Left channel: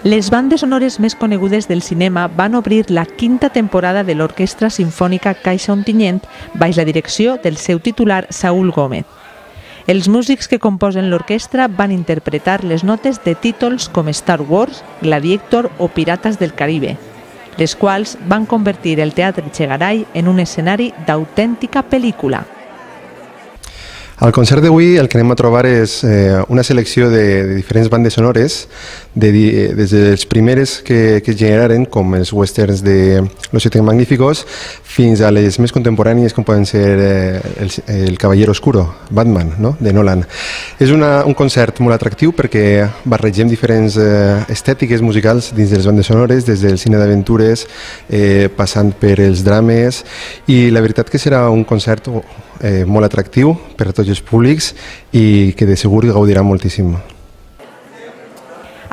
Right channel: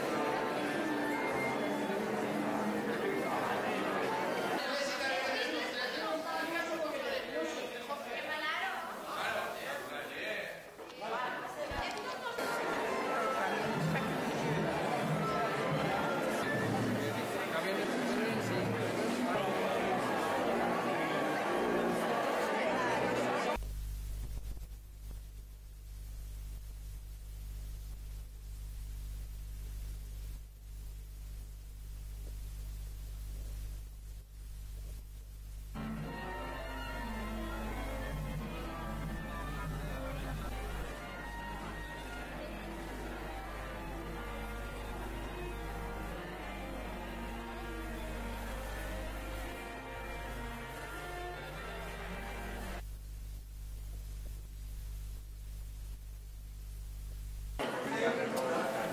Les bandes sonores més conegudes del cinema van obrir la quinta temporada de l'Orquestra Simfònica Caixa Ontinyent baix la direcció del seu titular Saúl Gómez. Els músics que composen l'orquestra van interpretar les notes de títols com Star Wars, Gladiator o Pirates del Caribe, les quals van convertir el Teatre Chegaray en un escenari d'autèntica pel·lícula. Al concert d'avui el que anem a trobar és una selecció de diferents bandes sonores, des de les primeres que es generaren, com els westerns de Los Siete Magníficos, fins a les més contemporànies, com poden ser El Caballero Oscuro, Batman, no? De Nolan. És un concert molt atractiu perquè barregem diferents estètiques musicals dins de les bandes sonores, des del cine d'aventures, passant per els drames, i la veritat que serà un concert molt atractiu per a tots els públics i que de segur gaudirà moltíssim.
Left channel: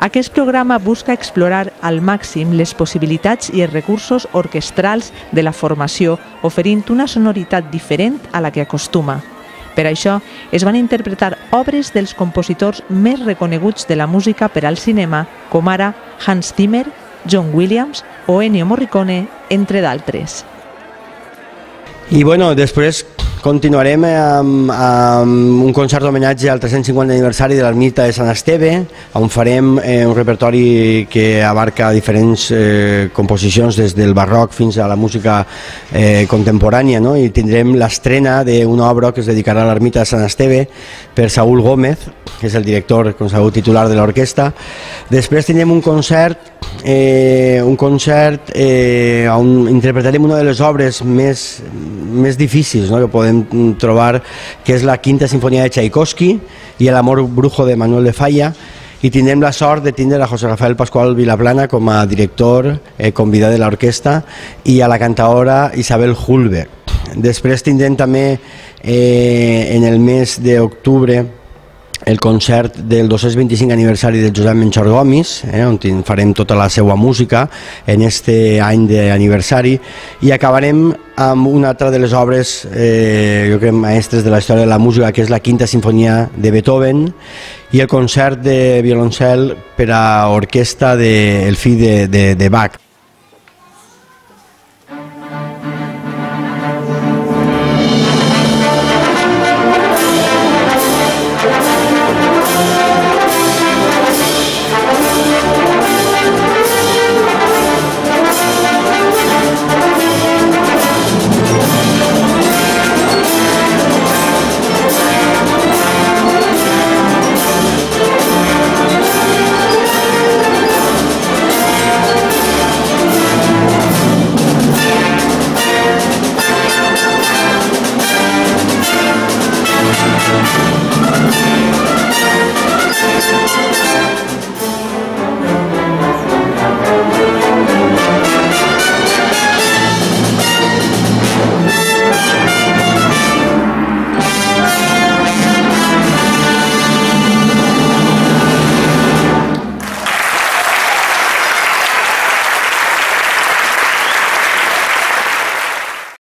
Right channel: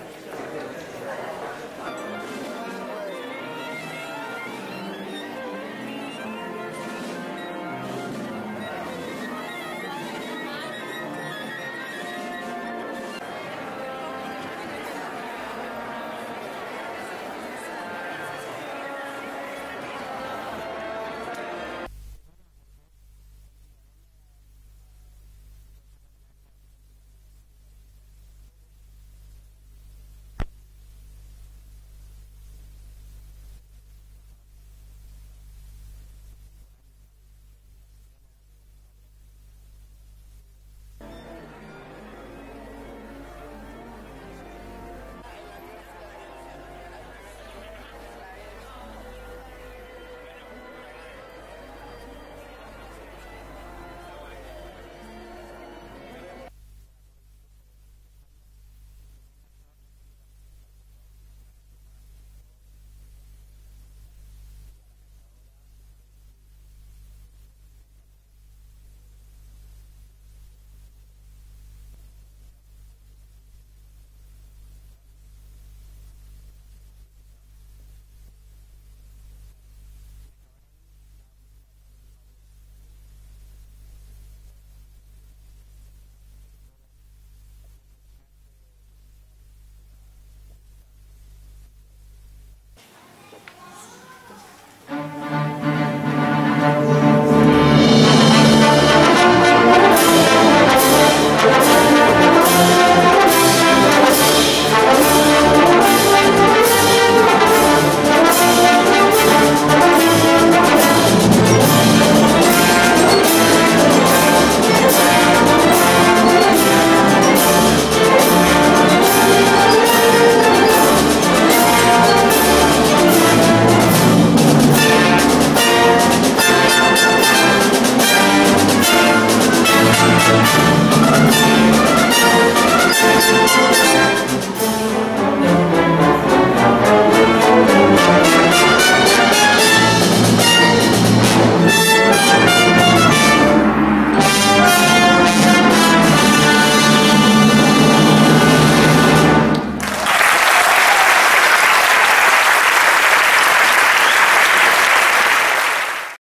Aquest programa busca explorar al màxim les possibilitats i els recursos orquestrals de la formació, oferint una sonoritat diferent a la que acostuma. Per això es van interpretar obres dels compositors més reconeguts de la música per al cinema, com ara Hans Zimmer, John Williams o Ennio Morricone, entre d'altres. I bueno, després continuarem amb un concert d'homenatge al 350 aniversari de l'ermita de Sant Esteve, on farem un repertori que abarca diferents composicions des del barroc fins a la música contemporània, no? I tindrem l'estrena d'una obra que es dedicarà a l'ermita de Sant Esteve per Saúl Gómez, que és el director, com sabeu, titular de l'orquestra. Després tindrem un concert on interpretarem una de les obres més difícils, no?, que podem trobar, que és la Quinta Sinfonia de Tchaikovsky i l'Amor Brujo de Manuel de Falla, i tindrem la sort de tindre a José Rafael Pascual Vilaplana com a director convidat de l'orquestra i a la cantaora Isabel Hulbe. Després tindrem també en el mes d'octubre el concert del 225 aniversari de Josep Menchor Gomis, on farem tota la seva música en aquest any d'aniversari, i acabarem amb una altra de les obres, jo crec, mestres de la història de la música, que és la Quinta Sinfonia de Beethoven, i el concert de violoncel per a orquestra del fill de Bach.